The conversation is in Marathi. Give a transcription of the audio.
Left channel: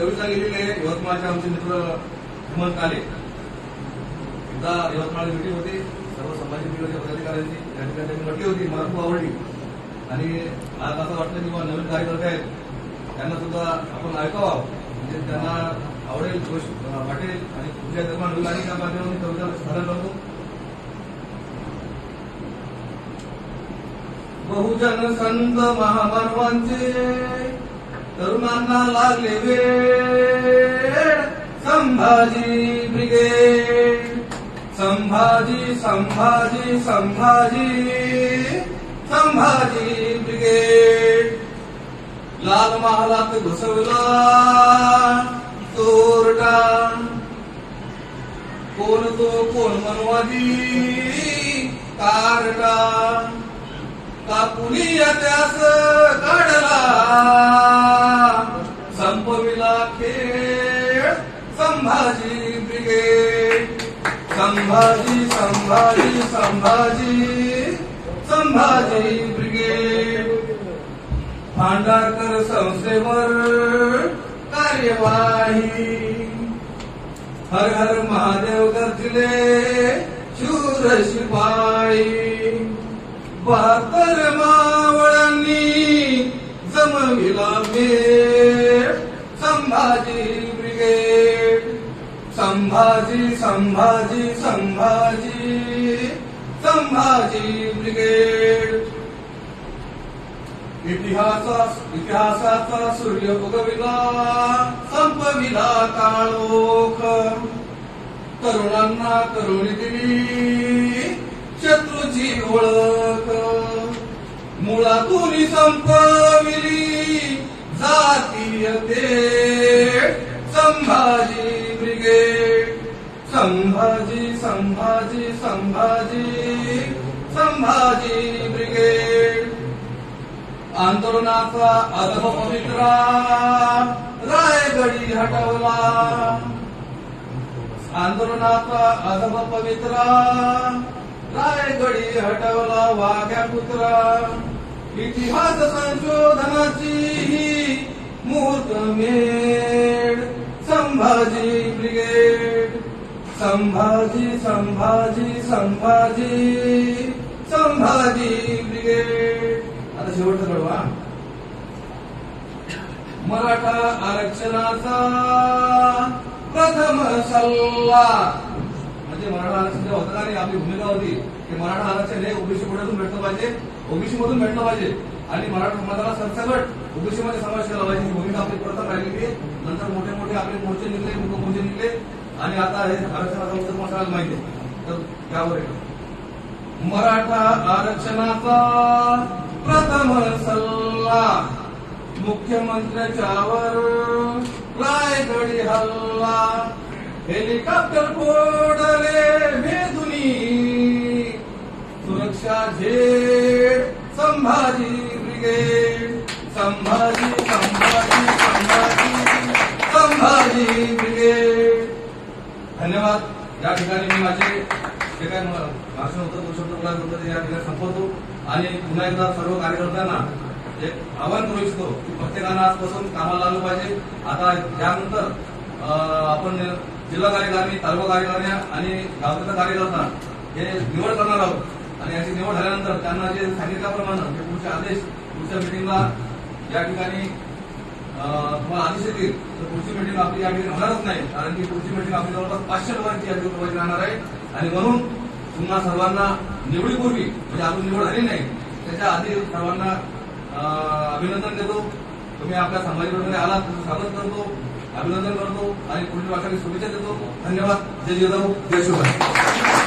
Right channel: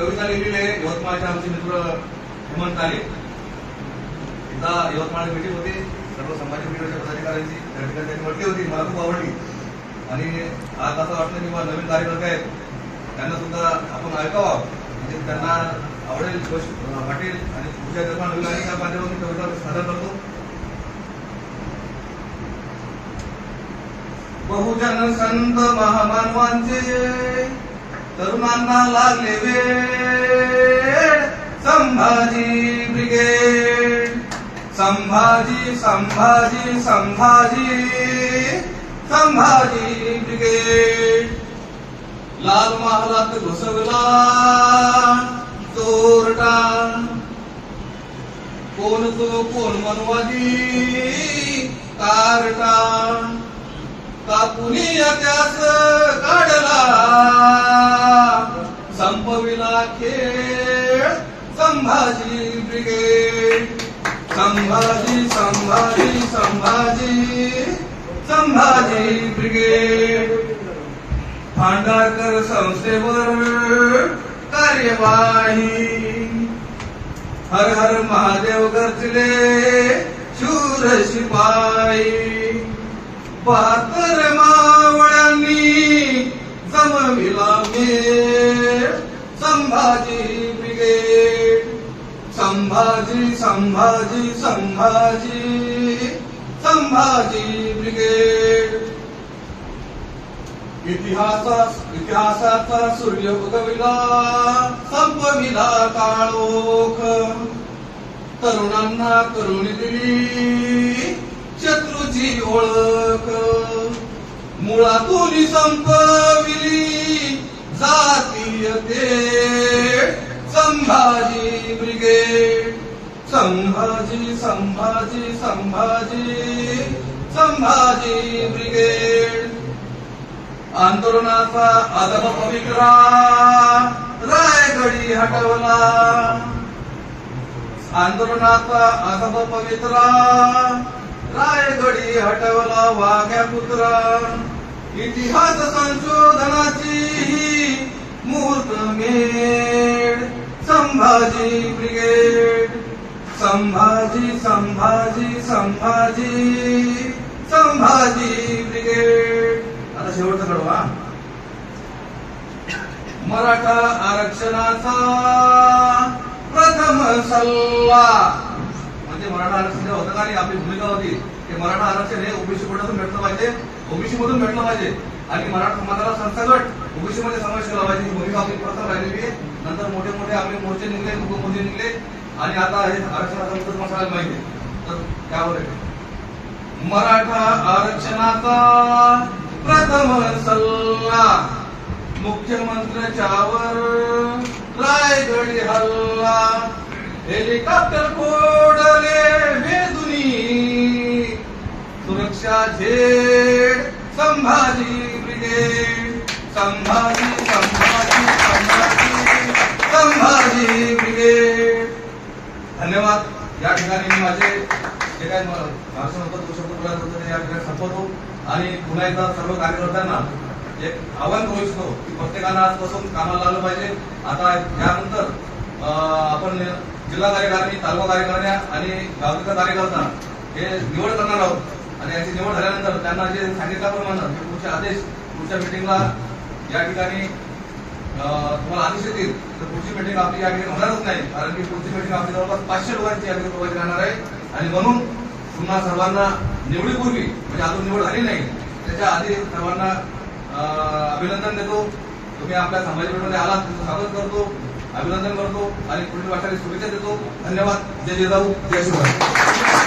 कविता लिहिलेली आहे यवतमाळचे आमचे मित्र हेमंत काले. एकदा यवतमाळ मीटिंग होती सर्व समाज मीडियाच्या पदाधिकाऱ्यांची, त्या ठिकाणी त्यांनी म्हटली होती, मला खूप आवडली. आणि आज असं वाटलं की नवीन कार्यकर्ते आहेत त्यांना सुद्धा आपण ऐकावं, म्हणजे त्यांना आवडेल वाटेल. आणि तुमच्या जन्म नवीन आणि त्या माध्यमातून कविता सादर करतो. बहुजन संत महामानवांचे तरुणांना लागले वेळ, संभाजी ब्रिगेड, संभाजी संभाजी संभाजी संभाजी ब्रिगेड. लाल महालात घुसवला चोरटा, कोण तो कोण मनवादी कारटा, कापुनी इतिहास काढला संपविला खेळ, संभाजी ब्रिगेड, संभाजी संभाजी संभाजी संभाजी ब्रिगेड. भांडारकर संस्थेवर कार्यवाही, हर हर महादेव गर्जले शूर शिपाई. 72 मावळ्यांनी जमविला मेळ, संभाजी ब्रिगेड, संभाजी संभाजी संभाजी संभाजी ब्रिगेड. इतिहासाचा सूर्य उगविला संपविला काळोख, तरुणांना तरुणी दिली शत्रूची ओळख, मुळातून संपविली जातीय तेढ, संभाजी ब्रिगेड, संभाजी संभाजी संभाजी संभाजी ब्रिगेड. आंदोलनाचा अधम पवित्रा रायगडी हटवला, आंदोलनाचा अधम पवित्रा रायगडी हटवला वाघ्या पुत्रा. इतिहास संशोधनाची मुहूर्तमेढ, संभाजी ब्रिगेड, संभाजी संभाजी संभाजी संभाजी ब्रिगेड. आता शेवटचं कडवा, मराठा आरक्षणाचा प्रथम सल्ला. म्हणजे मराठा आरक्षण जे होतं आणि आपली भूमिका होती की मराठा आरक्षण हे ओबीसी कोट्यातून भेटलं पाहिजे, ओबीसी मधून भेटलं पाहिजे आणि मराठा समाजाला सरसकट ओबीसी मध्ये समावेश केला पाहिजे. ही भूमिका आपली प्रथम राहिलेली आहे. नंतर मोठे मोठे आपले मोर्चे निघले, मोर्चे निघले आणि आता हे आरक्षणाचा उत्तर तुम्हाला माहिती आहे. तर त्यावर मराठा आरक्षणाचा प्रथम सल्ला, मुख्यमंत्र्याच्यावर रायगडी हल्ला, हेलिकॉप्टर फोडले भेदुनी, सुरक्षा Z, Sambhaji brigade, Sambhaji Sambhaji Sambhaji Sambhaji brigade. धन्यवाद. या ठिकाणी मी माझे जे काय भाषण होतं तो शब्द बोलायचं होतं ते या ठिकाणी संपवतो आणि पुन्हा एकदा सर्व कार्यकर्त्यांना एक आवाहन करू इच्छितो की प्रत्येकानं आजपासून कामाला लागलं पाहिजे. आता त्यानंतर आपण जिल्हा कार्यकारिणी, तालुका कार्यकारिणी आणि गावचा कार्यकर्ता हे निवड करणार आहोत आणि याची निवड झाल्यानंतर त्यांना जे सांगितल्याप्रमाणे पुढचे आदेश पुढच्या मिटिंगला या ठिकाणी तुम्हाला आदेश येतील. तर पुढची मिटिंग आपली या ठिकाणी होणारच नाही, कारण की पुढची मिटिंग आपली जवळपास 500 लोकांची या ठिकाणी प्रोव्हाइड राहणार आहे. आणि म्हणून पुन्हा सर्वांना निवडीपूर्वी, म्हणजे अजून निवड झाली नाही त्याच्या आधी सर्वांना अभिनंदन देतो. तुम्ही आपल्या समाजामध्ये आलात तुमचं स्वागत करतो, अभिनंदन करतो आणि पुढील वाटचाली शुभेच्छा देतो. धन्यवाद. जय जिजाऊ, जय शिवराय.